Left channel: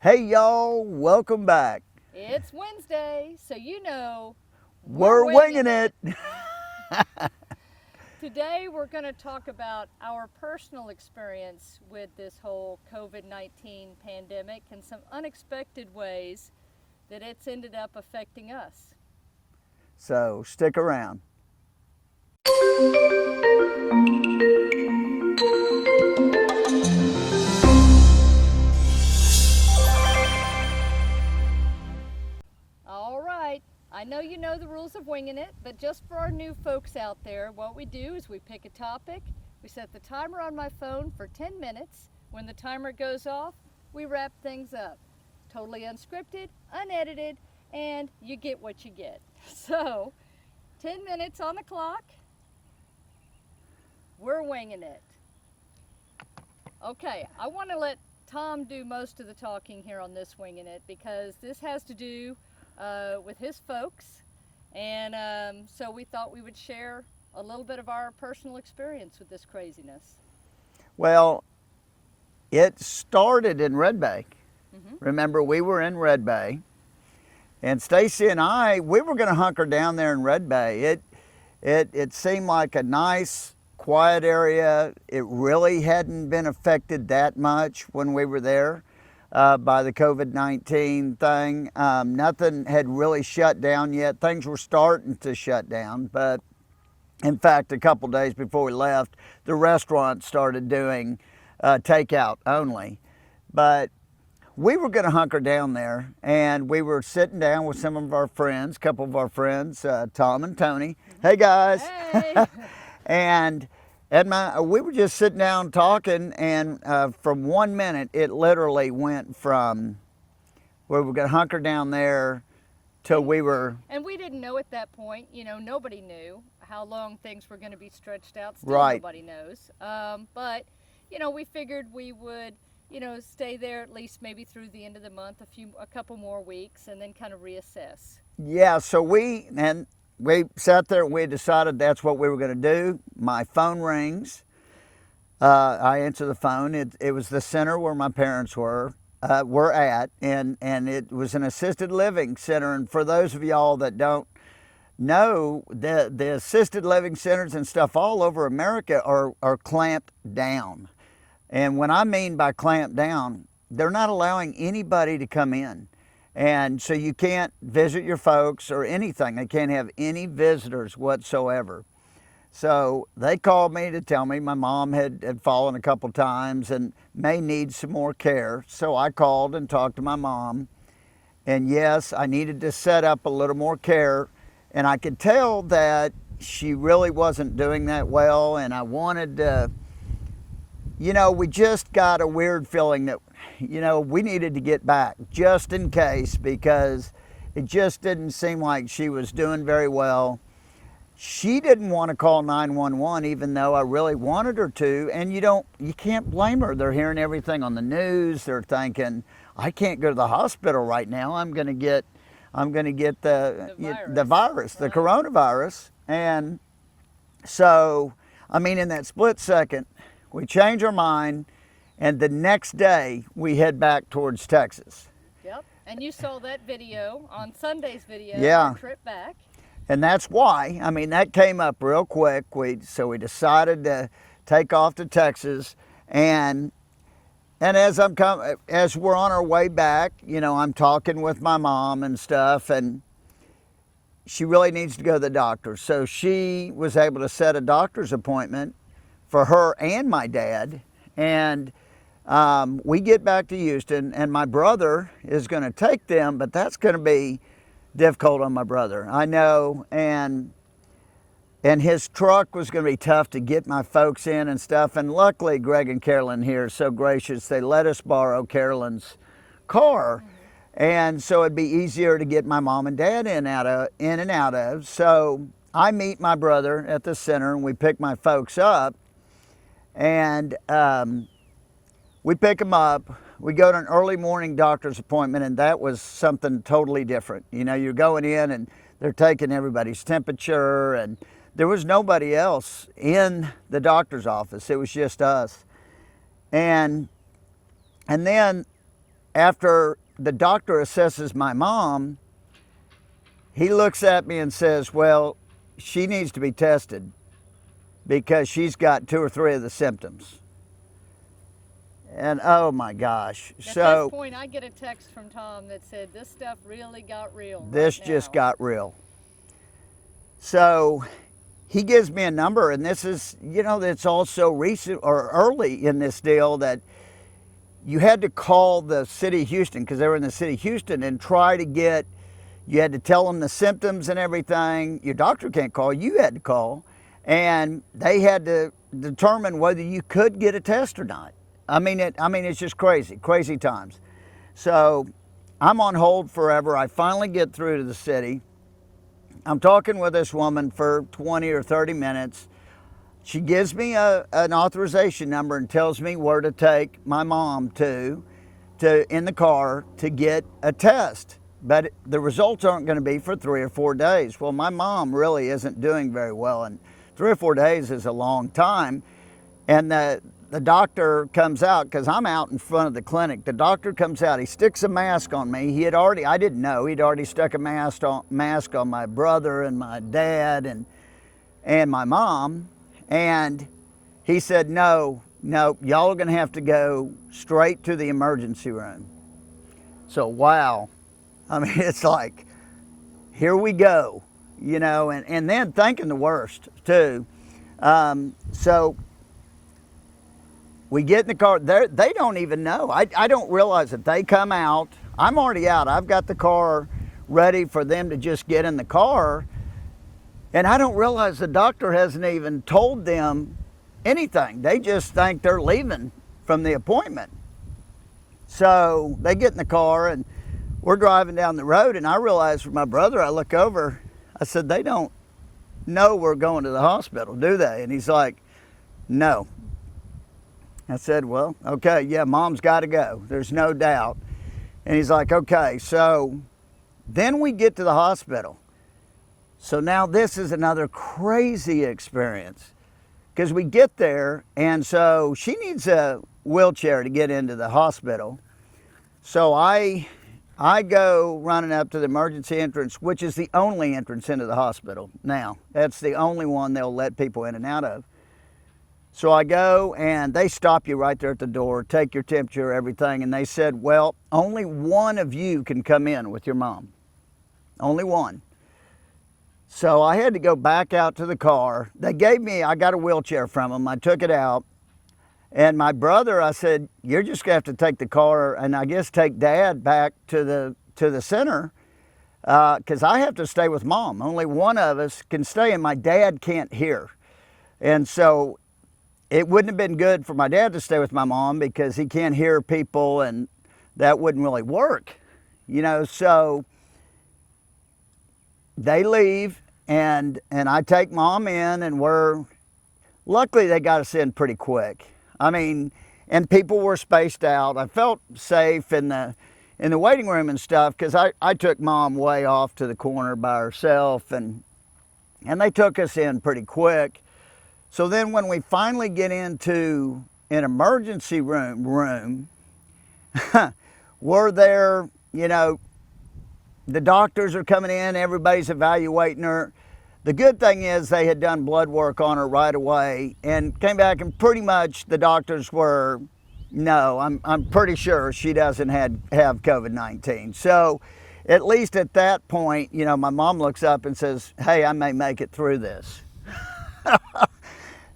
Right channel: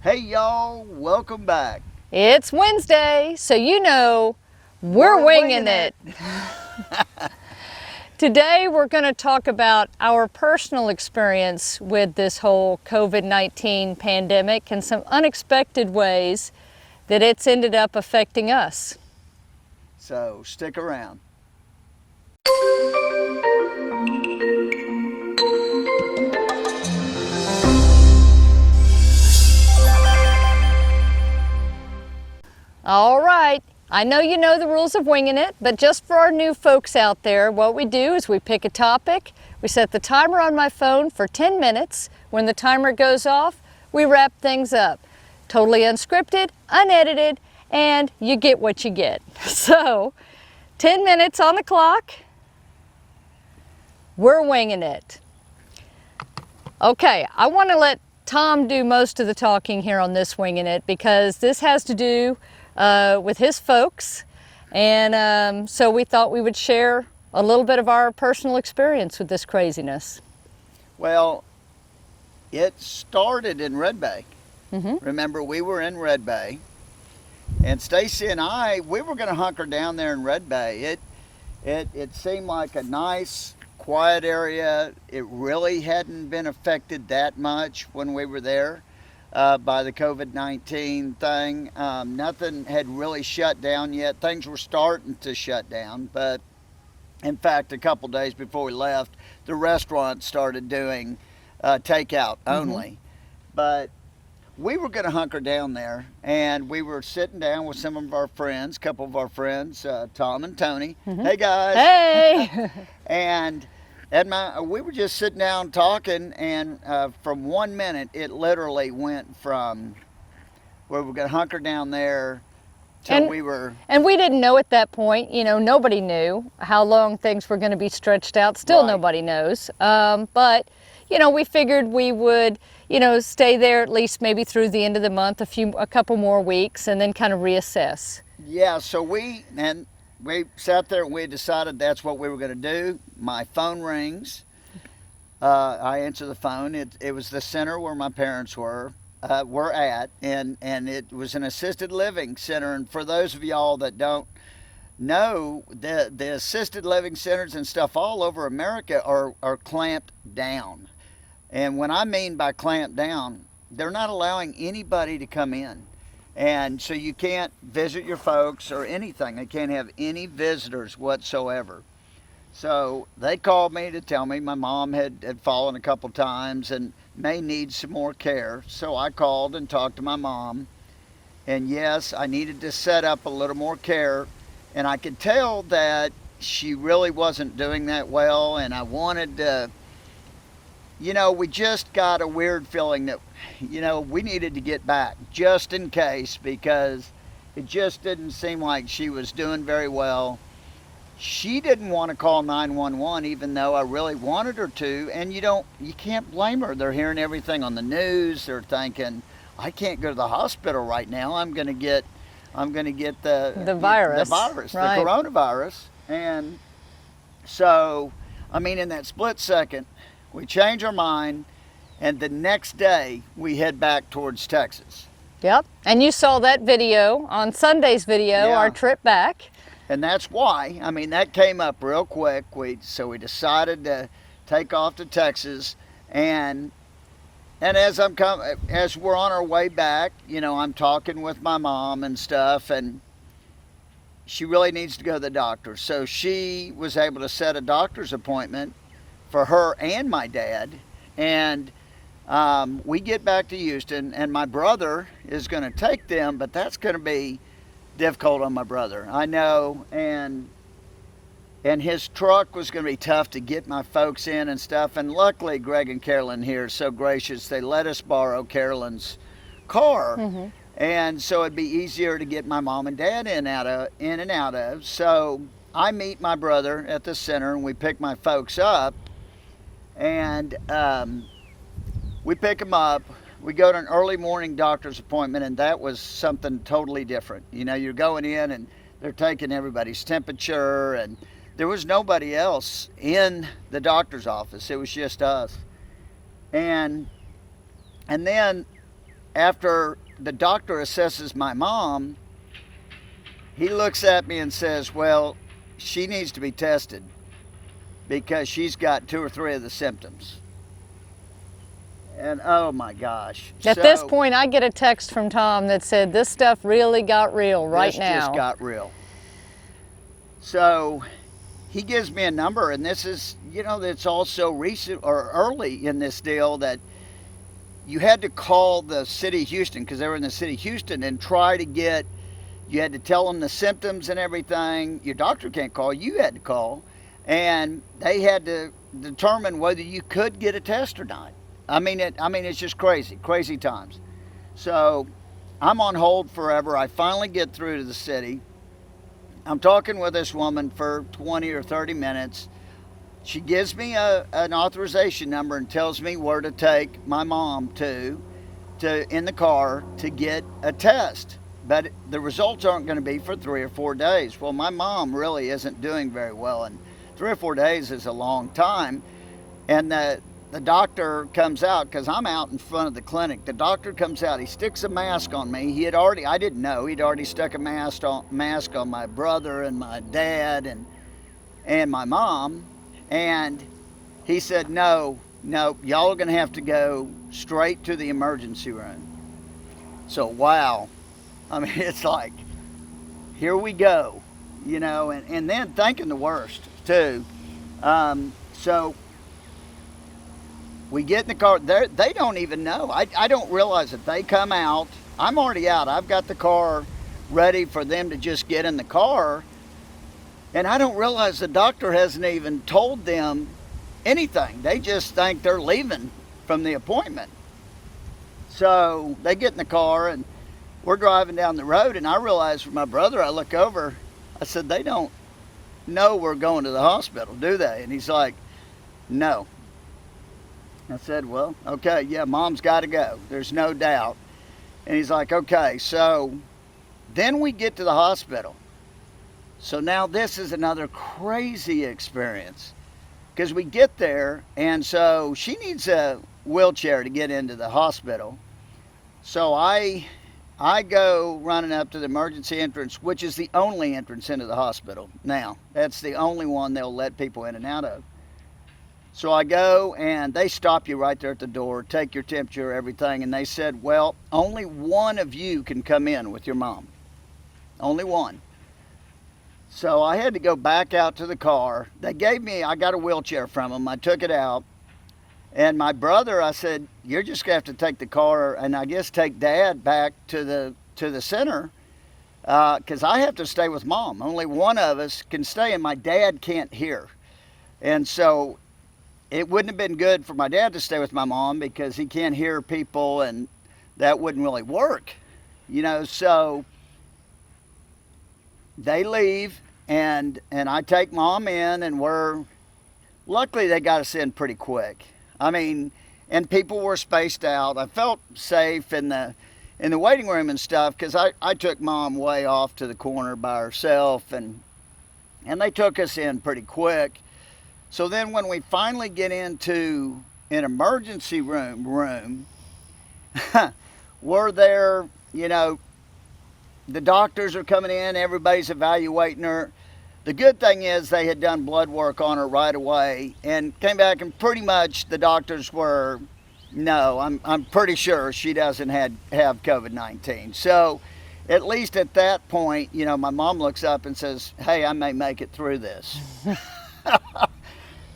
Hey y'all, welcome back. It's Wednesday, so you know we're winging it. Today we're going to talk about our personal experience with this whole COVID-19 pandemic and some unexpected ways that it's ended up affecting us. So stick around. All right, I know you know the rules of winging it, but just for our new folks out there, what we do is we pick a topic, we set the timer on my phone for 10 minutes. When the timer goes off, we wrap things up. Totally unscripted, unedited, and you get what you get. So, 10 minutes on the clock, we're winging it. Okay, I want to let Tom do most of the talking here on this winging it because this has to do with his folks, and so we thought we would share a little bit of our personal experience with this craziness. Well, it started in Red Bay. Remember, we were in Red Bay, and Stacy and I, we were going to hunker down there in Red Bay. It seemed like a nice, quiet area. It really hadn't been affected that much when we were there by the COVID-19 thing. Nothing had really shut down yet. Things were starting to shut down, but in fact, a couple days before we left, the restaurant started doing takeout only. But we were going to hunker down there, and we were sitting down with some of our friends, a couple of our friends, Tom and Tony. Hey guys. Hey! And we were just sitting down talking, and from 1 minute, it literally went from we were going to hunker down there till we were... And we didn't know at that point, you know, nobody knew how long things were going to be stretched out. Still Right. nobody knows. But, you know, we figured we would, you know, stay there at least maybe through the end of the month, a couple more weeks, and then kind of reassess. Yeah, so we sat there and we decided that's what we were going to do. My phone rings. I answer the phone. It was the center where my parents were at, and it was an assisted living center. And for those of y'all that don't know, the assisted living centers and stuff all over America are clamped down. And what I mean by clamped down, they're not allowing anybody to come in. And so you can't visit your folks or anything. They can't have any visitors whatsoever. So they called me to tell me my mom had fallen a couple times and may need some more care. So I called and talked to my mom. And yes, I needed to set up a little more care. And I could tell that she really wasn't doing that well. And I wanted to, you know, we just got a weird feeling that, you know, we needed to get back just in case, because it just didn't seem like she was doing very well. She didn't want to call 911, even though I really wanted her to. And you can't blame her. They're hearing everything on the news. They're thinking, I can't go to the hospital right now. I'm going to get the virus, right. The coronavirus. And so, I mean, in that split second, we change our mind, and the next day we head back towards Texas. Yep. And you saw that video on Sunday's video, Yeah. Our trip back. And that's why, I mean, that came up real quick. So we decided to take off to Texas, and as we're on our way back, you know, I'm talking with my mom and stuff, and she really needs to go to the doctor. So she was able to set a doctor's appointment for her and my dad, and we get back to Houston, and my brother is going to take them, but that's going to be difficult on my brother, I know, and his truck was going to be tough to get my folks in and stuff. And luckily, Greg and Carolyn here are so gracious; they let us borrow Carolyn's car, and so it'd be easier to get my mom and dad in and out of. So I meet my brother at the center, and we pick my folks up, and we pick them up. We go to an early morning doctor's appointment, and that was something totally different. You know, you're going in and they're taking everybody's temperature, and there was nobody else in the doctor's office. It was just us. And then after the doctor assesses my mom, he looks at me and says, well, she needs to be tested because she's got 2 or 3 of the symptoms. And oh my gosh. At this point, I get a text from Tom that said, this stuff really got real right now. This just got real. So he gives me a number, and this is, you know, it's all so recent or early in this deal that you had to call the city of Houston, because they were in the city of Houston, and try to get, you had to tell them the symptoms and everything. Your doctor can't call, you had to call, and they had to determine whether you could get a test or not. I mean, it's just crazy times. So I'm on hold forever. I finally get through to the city. I'm talking with this woman for 20 or 30 minutes. She gives me an authorization number and tells me where to take my mom to in the car to get a test. But the results aren't going to be for 3 or 4 days. Well, my mom really isn't doing very well, and 3 or 4 days is a long time. And the doctor comes out, because I'm out in front of the clinic. The doctor comes out, he sticks a mask on me. I didn't know, he'd already stuck a mask on my brother and my dad and my mom. And he said, no, y'all are gonna have to go straight to the emergency room. So, wow. I mean, it's like, here we go, you know, and then thinking the worst too. So we get in the car. They don't even know. I don't realize that they come out. I'm already out. I've got the car ready for them to just get in the car. And I don't realize the doctor hasn't even told them anything. They just think they're leaving from the appointment. So they get in the car, and we're driving down the road, and I realize for my brother, I look over, I said, they don't know we're going to the hospital, do they? And he's like, no. I said, well, okay, yeah, mom's got to go. There's no doubt. And he's like, okay. So then we get to the hospital. So now this is another crazy experience, because we get there, and so she needs a wheelchair to get into the hospital. So I go running up to the emergency entrance, which is the only entrance into the hospital now. That's the only one they'll let people in and out of. So I go, and they stop you right there at the door, take your temperature, everything, and they said, well, only one of you can come in with your mom. Only one. So I had to go back out to the car. I got a wheelchair from them. I took it out. And my brother, I said, you're just going to have to take the car, and I guess take Dad back to the center, because I have to stay with Mom. Only one of us can stay, and my dad can't hear. And so it wouldn't have been good for my dad to stay with my mom, because he can't hear people, and that wouldn't really work, you know. So they leave, and I take Mom in, and luckily they got us in pretty quick. I mean, and people were spaced out. I felt safe in the waiting room and stuff, because I took Mom way off to the corner by herself, and they took us in pretty quick. So then when we finally get into an emergency room, we're there, you know, the doctors are coming in, everybody's evaluating her. The good thing is they had done blood work on her right away and came back, and pretty much the doctors were, no, I'm pretty sure she doesn't have COVID-19. So at least at that point, you know, my mom looks up and says, hey, I may make it through this.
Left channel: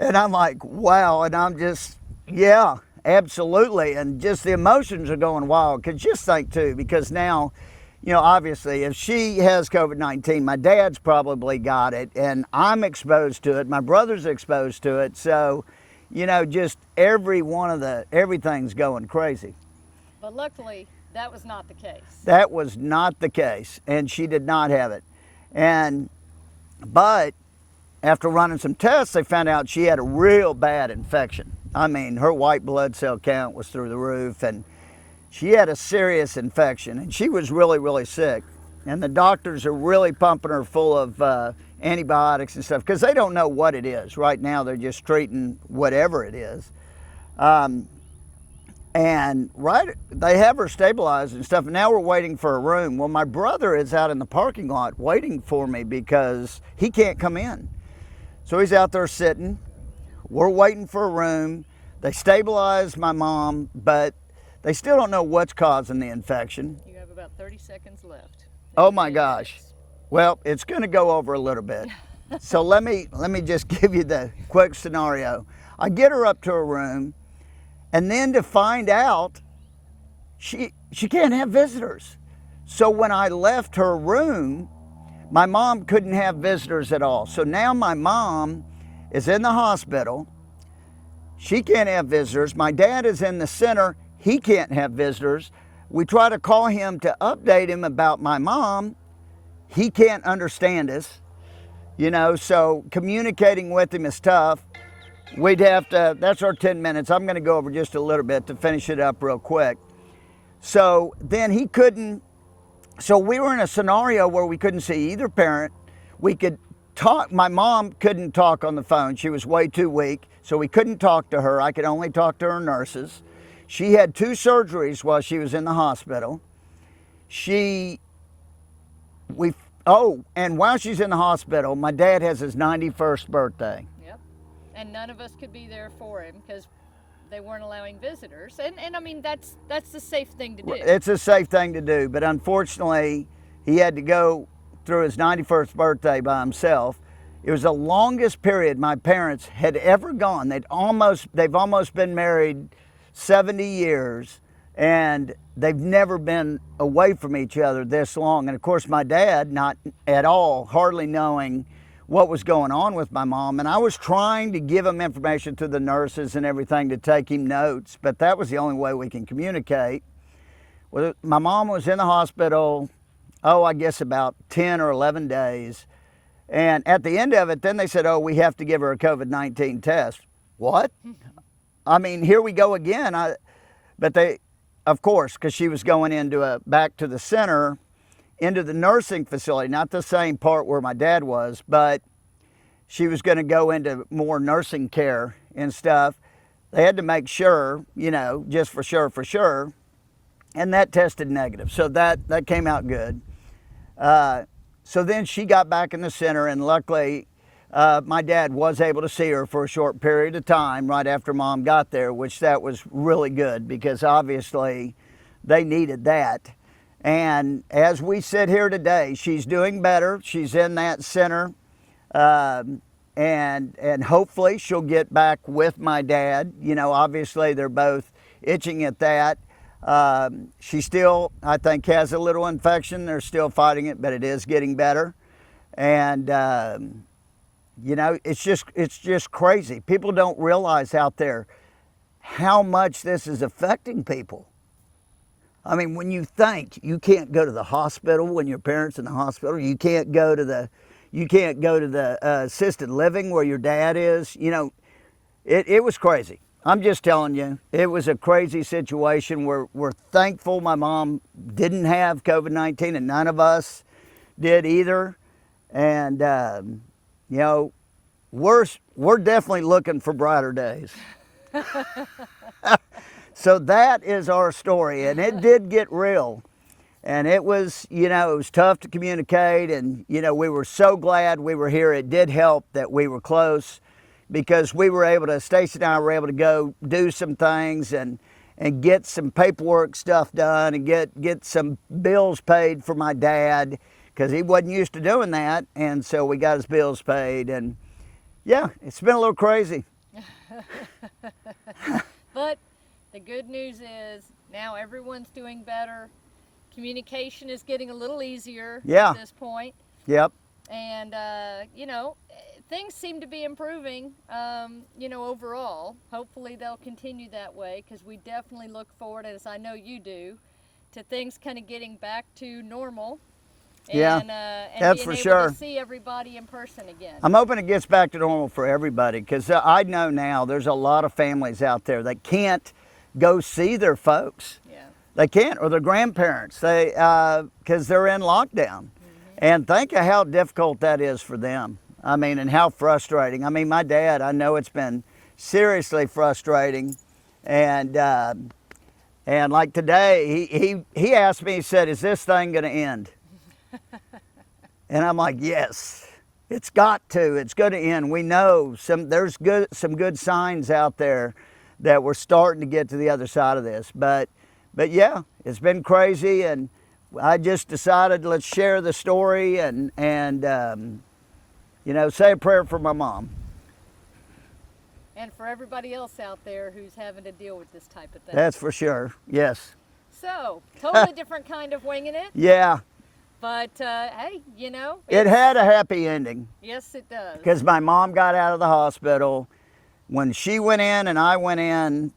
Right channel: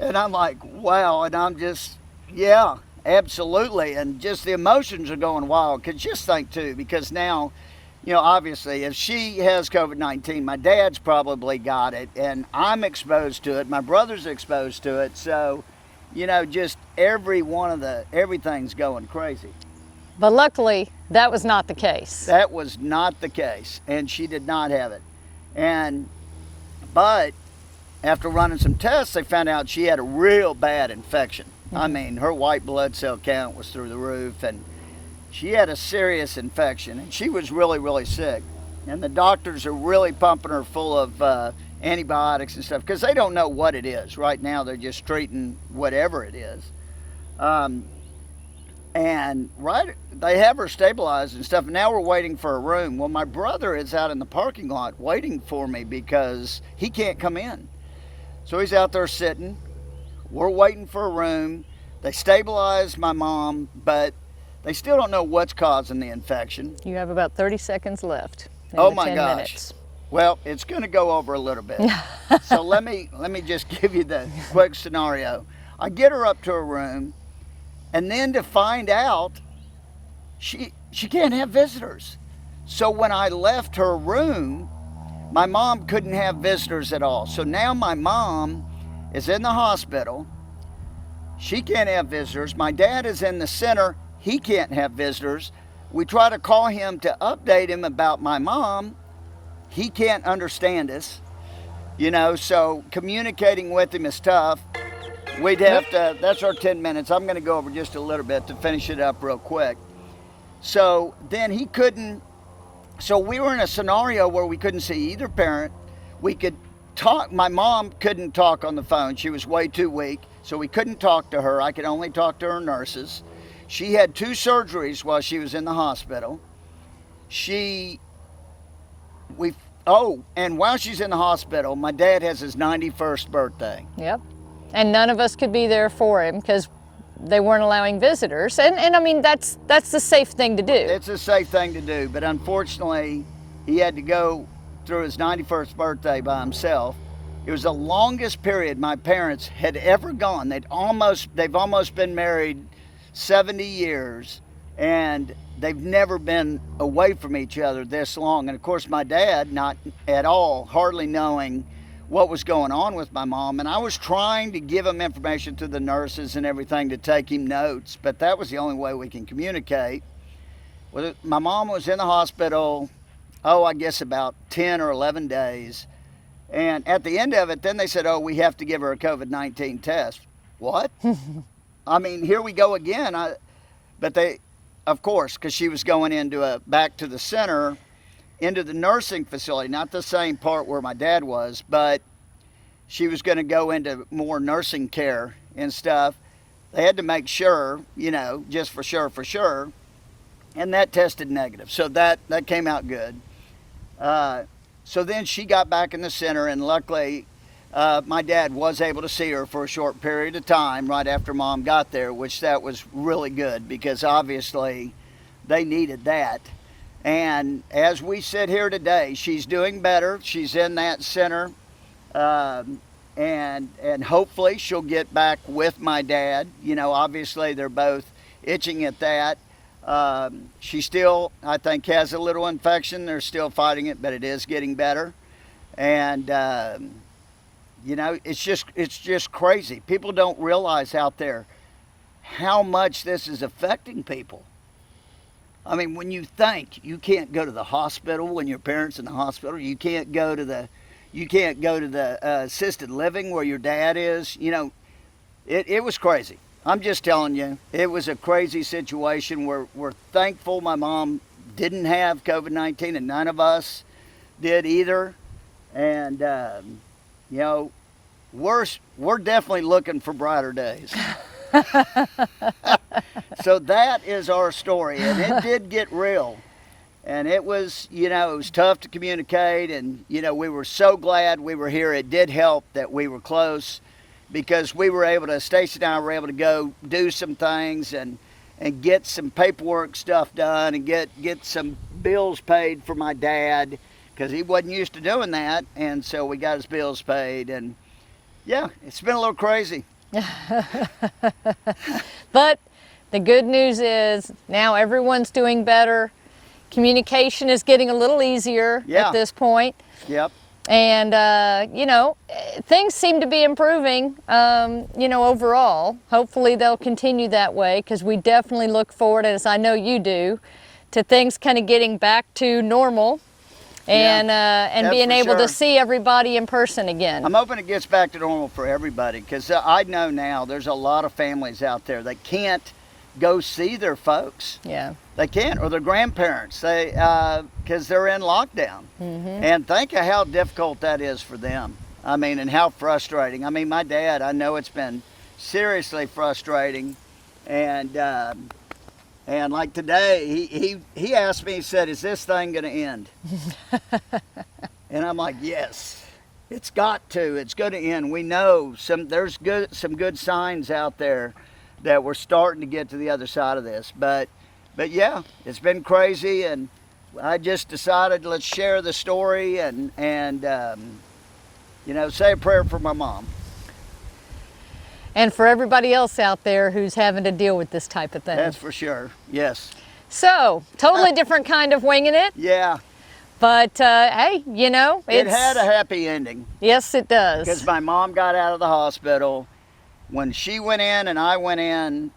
And I'm like, wow. And I'm just, yeah, absolutely. And just the emotions are going wild. Because just think too, because now, you know, obviously if she has COVID-19, my dad's probably got it, and I'm exposed to it. My brother's exposed to it. So, you know, just everything's going crazy. But luckily, that was not the case. That was not the case. And she did not have it. But after running some tests, they found out she had a real bad infection. I mean, her white blood cell count was through the roof, and she had a serious infection, and she was really, really sick. And the doctors are really pumping her full of antibiotics and stuff, because they don't know what it is. Right now, they're just treating whatever it is. And And they have her stabilized and stuff. And now we're waiting for a room. Well, my brother is out in the parking lot waiting for me because he can't come in. So he's out there sitting. We're waiting for a room. They stabilized my mom, but they still don't know what's causing the infection. You have about 30 seconds left. Oh my 10 gosh. minutes. Well, it's going to go over a little bit. So let me just give you the quick scenario. I get her up to her room, and then to find out she can't have visitors. So when I left her room, my mom couldn't have visitors at all. So now my mom is in the hospital. She can't have visitors. My dad is in the center. He can't have visitors. We try to call him to update him about my mom. He can't understand us, so communicating with him is tough. We'd have to, that's our 10 minutes. I'm going to go over just a little bit to finish it up real quick. So then he couldn't, so we were in a scenario where we couldn't see either parent. We could talk, my mom couldn't talk on the phone. She was way too weak, so we couldn't talk to her. I could only talk to her nurses. She had 2 surgeries while she was in the hospital. And while she's in the hospital, my dad has his 91st birthday. Yep. And none of us could be there for him because they weren't allowing visitors. And I mean, that's the safe thing to do. It's a safe thing to do, but unfortunately, he had to go through his 91st birthday by himself. It was the longest period my parents had ever gone. They've almost been married 70 years, and they've never been away from each other this long. And of course, my dad, not at all, hardly knowing what was going on with my mom. And I was trying to give him information to the nurses and everything to take him notes, but that was the only way we can communicate. Well, my mom was in the hospital, I guess about 10 or 11 days. And at the end of it, then they said, we have to give her a COVID-19 test. What? I mean, here we go again. But they, of course, because she was going back to the center, into the nursing facility, not the same part where my dad was, but she was going to go into more nursing care and stuff. They had to make sure, just for sure. And that tested negative. So that came out good. So then she got back in the center, and luckily my dad was able to see her for a short period of time right after Mom got there, which that was really good because obviously they needed that. And as we sit here today, she's doing better. She's in that center, and hopefully she'll get back with my dad. Obviously they're both itching at that. She still, I think, has a little infection. They're still fighting it, but it is getting better. And it's just crazy. People don't realize out there how much this is affecting people. I mean, when you think you can't go to the hospital when your parents in the hospital, you can't go to the assisted living where your dad is. It was crazy. I'm just telling you, it was a crazy situation. We're thankful my mom didn't have COVID-19, and none of us did either. And we're definitely looking for brighter days. So that is our story, and it did get real, and it was tough to communicate, and we were so glad we were here. It did help that we were close because we were able to, Stacy and I were able to go do some things and get some paperwork stuff done and get some bills paid for my dad because he wasn't used to doing that, and so we got his bills paid, and yeah, it's been a little crazy. But the good news is now everyone's doing better. Communication is getting a little easier at this point. Yep. And, things seem to be improving, overall. Hopefully they'll continue that way because we definitely look forward, as I know you do, to things kind of getting back to normal and being able to see everybody in person again. I'm hoping it gets back to normal for everybody because I know now there's a lot of families out there that can't go see their folks. Yeah. They can't, or their grandparents, because they're in lockdown. Mm-hmm. And think of how difficult that is for them. I mean, and how frustrating. I mean, my dad, I know it's been seriously frustrating. And, And like today, he asked me, he said, "Is this thing going to end?" And I'm like, "Yes, it's got to. It's going to end. We know there's some good signs out there that we're starting to get to the other side of this." But yeah, it's been crazy, and I just decided let's share the story and say a prayer for my mom. And for everybody else out there who's having to deal with this type of thing. That's for sure. Yes. So, totally different kind of winging it. Yeah. But hey, it had a happy ending. Yes, it does. Because my mom got out of the hospital. When she went in and I went in,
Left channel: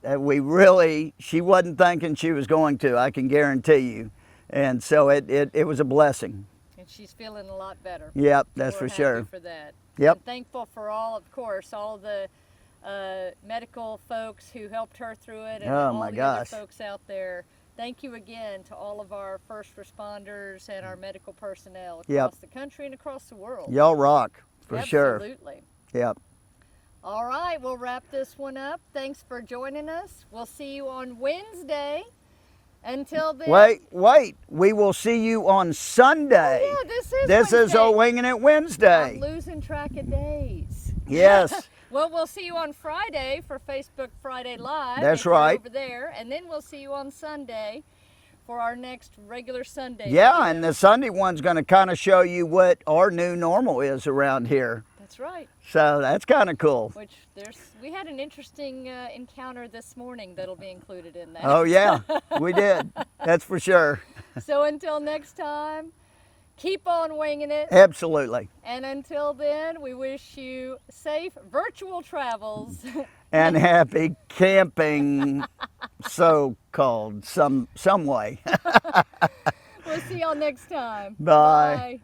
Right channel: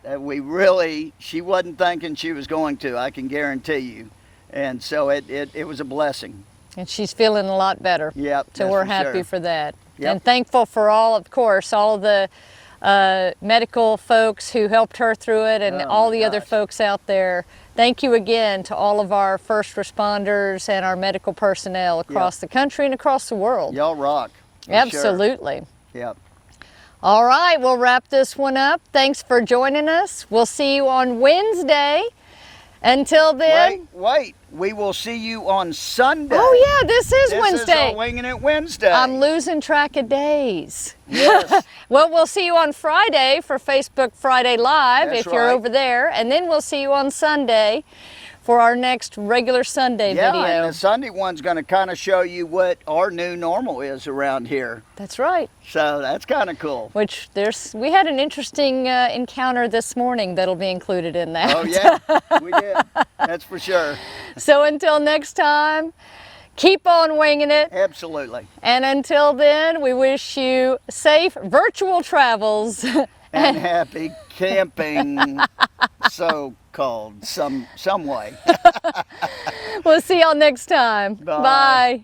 she wasn't thinking she was going to, I can guarantee you. And so it was a blessing. And she's feeling a lot better. Yep, so we're happy sure. for that. Yep. And thankful for all of the medical folks who helped her through it, and all the other folks out there. Thank you again to all of our first responders and our medical personnel across the country and across the world. Y'all rock. Absolutely. Sure. Yep. All right, we'll wrap this one up. Thanks for joining us. We'll see you on Wednesday. Until then. Wait. We will see you on Sunday. Oh yeah, this is Wednesday. This is our Winging It Wednesday. I'm losing track of days. Yes. Well, we'll see you on Friday for Facebook Friday Live if you're over there. And then we'll see you on Sunday for our next regular Sunday video. Yeah, and the Sunday one's going to kind of show you what our new normal is around here. That's right. So that's kind of cool. Which we had an interesting encounter this morning that'll be included in that. Oh yeah, we did. That's for sure. So until next time, keep on winging it. Absolutely. And until then, we wish you safe virtual travels. And happy camping, so-called, some way. We'll see y'all next time. Bye. Bye.